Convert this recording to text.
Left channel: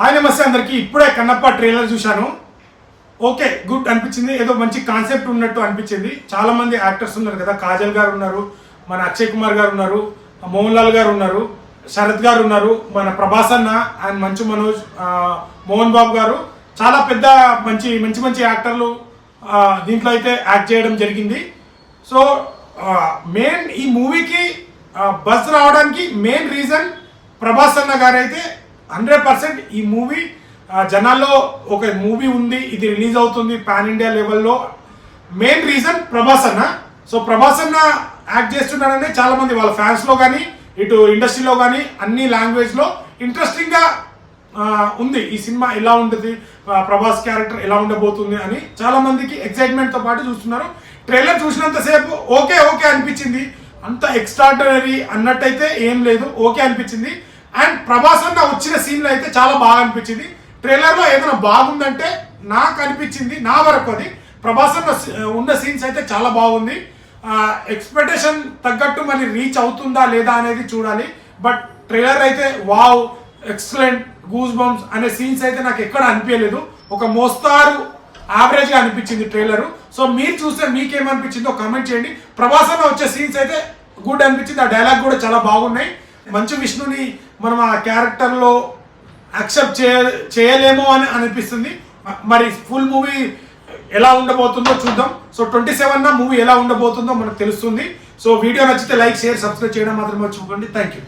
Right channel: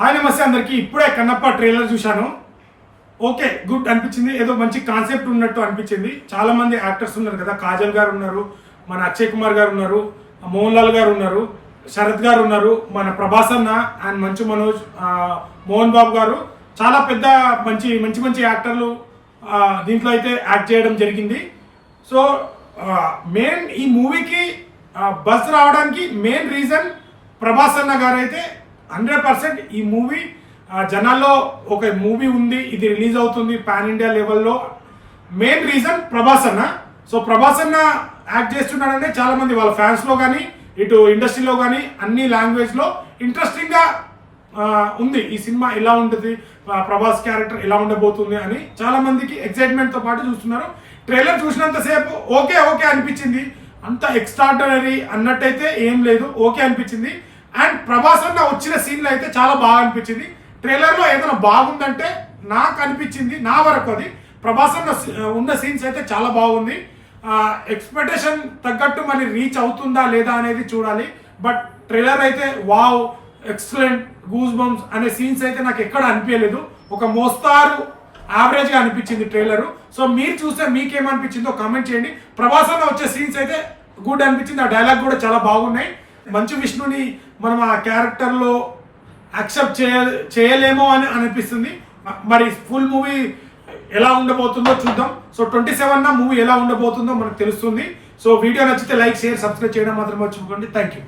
Hi నమస్తే అందరికి. ఇప్పుడే కన్నప్ప ట్రైలర్ చూశాను. ఓకే, గుడ్ అనిపించింది. ఏదో మంచి కాన్సెప్ట్ ఉన్నట్టు అనిపించింది. చాలా మంది యాక్టర్స్ ఉన్నారు కదా, కాజల్ గారు ఉన్నారు, మన అక్షయ్ కుమార్ గారు ఉన్నారు, మోహన్ లాల్ గారు ఉన్నారు, శరత్ గారు ఉన్నారు, మన ప్రభాస్ అన్న అండ్ మంచు మనోజ్, మోహన్ బాబు గారు, చాలా పెద్ద మంచి మంచి మంచి యాక్టర్లు దీంట్లో అయితే యాక్ట్ చేయడం జరిగింది. సో మెయిన్ ఈ మూవీకి బస్ రావడానికి మెయిన్ రీజన్ ప్రభాస్ అన్న గారు అయితే 100% ఈ మూవీ జనాల్లో ఒక మూవీ ఉంది, ఇది రిలీజ్ అవుతుంది పాన్ ఇండియా లెవెల్లో, మెయిన్ రీజన్ ప్రభాస్ అన్న. సో ప్రభాస్ అన్న యాక్ట్ చేస్తున్నాడనే చాలా మంది వాళ్ళ ఫ్యాన్స్లో కానీ ఇటు ఇండస్ట్రీలో కానీ అన్ని లాంగ్వేజ్లో ఇంట్రెస్టింగ్గా ఉంది. ఈ సినిమా ఎలా ఉంటుంది, ప్రభాస్ క్యారెక్టర్ ఎలా ఉండబోతుంది అని చాలా మందికి ఎక్సైట్మెంట్తో పాటు చూస్తున్నారు. ట్రైలర్ చూసినంతసేపు ఓకే ఓకే అనిపించింది, అంత ఎక్స్ట్రాడినరీ అన్నట్టయితే ఏం లేదు, ఓకే అనిపించింది. అండ్ ప్రభాస్ అన్న వచ్చిన సీన్లు అయితే చాలా బాగా అనిపించింది. ట్రైలర్లో ఏదైనా బాగుందంటే నాకు అనిపించింది, నా వరకు అది ప్రభాస్ అన్న ఉన్న సీన్స్ అయితే చాలా బాగుంది. ఎక్స్పెక్టేషన్ తగ్గట్టు మరి రీచ్ అవుతుందా లేదా అనేది చూడాలి. బట్ ట్రైలర్ అయితే వావ్, ఎక్సలెంట్, గూస్ బంప్స్ అనే సీన్స్ అయితే నాకు ఎక్కడ అనిపించలేదు. ఒక మోస్తారు యావరేజ్గా అనిపించింది ట్రైలరు. సో మీరు చూస్తే మీకేమనిపించిందో కామెంట్ చేయండి. ప్రభాస్ అన్న వచ్చే సీన్స్ అయితే గుడ్ అనిపించింది. ఆ డైలాగ్ కూడా చాలా బాగున్నాయి. మంచు విష్ణుని మనం ఆ క్యారెక్టర్లో యాక్సెప్ట్ చేయలేమో అని అనిపిస్తుంది. మరి ఫుల్ మూవీ ఎలా ఉండబోతుందో చూద్దాం. సో 27న మూవీ ఎలా ఉండబోతుందో మనకు తెలుస్తుంది. సో వీడియో నచ్చితే లైక్, షేర్, సబ్స్క్రైబ్ చేయడం మాత్రం మర్చిపోకండి. Thank you.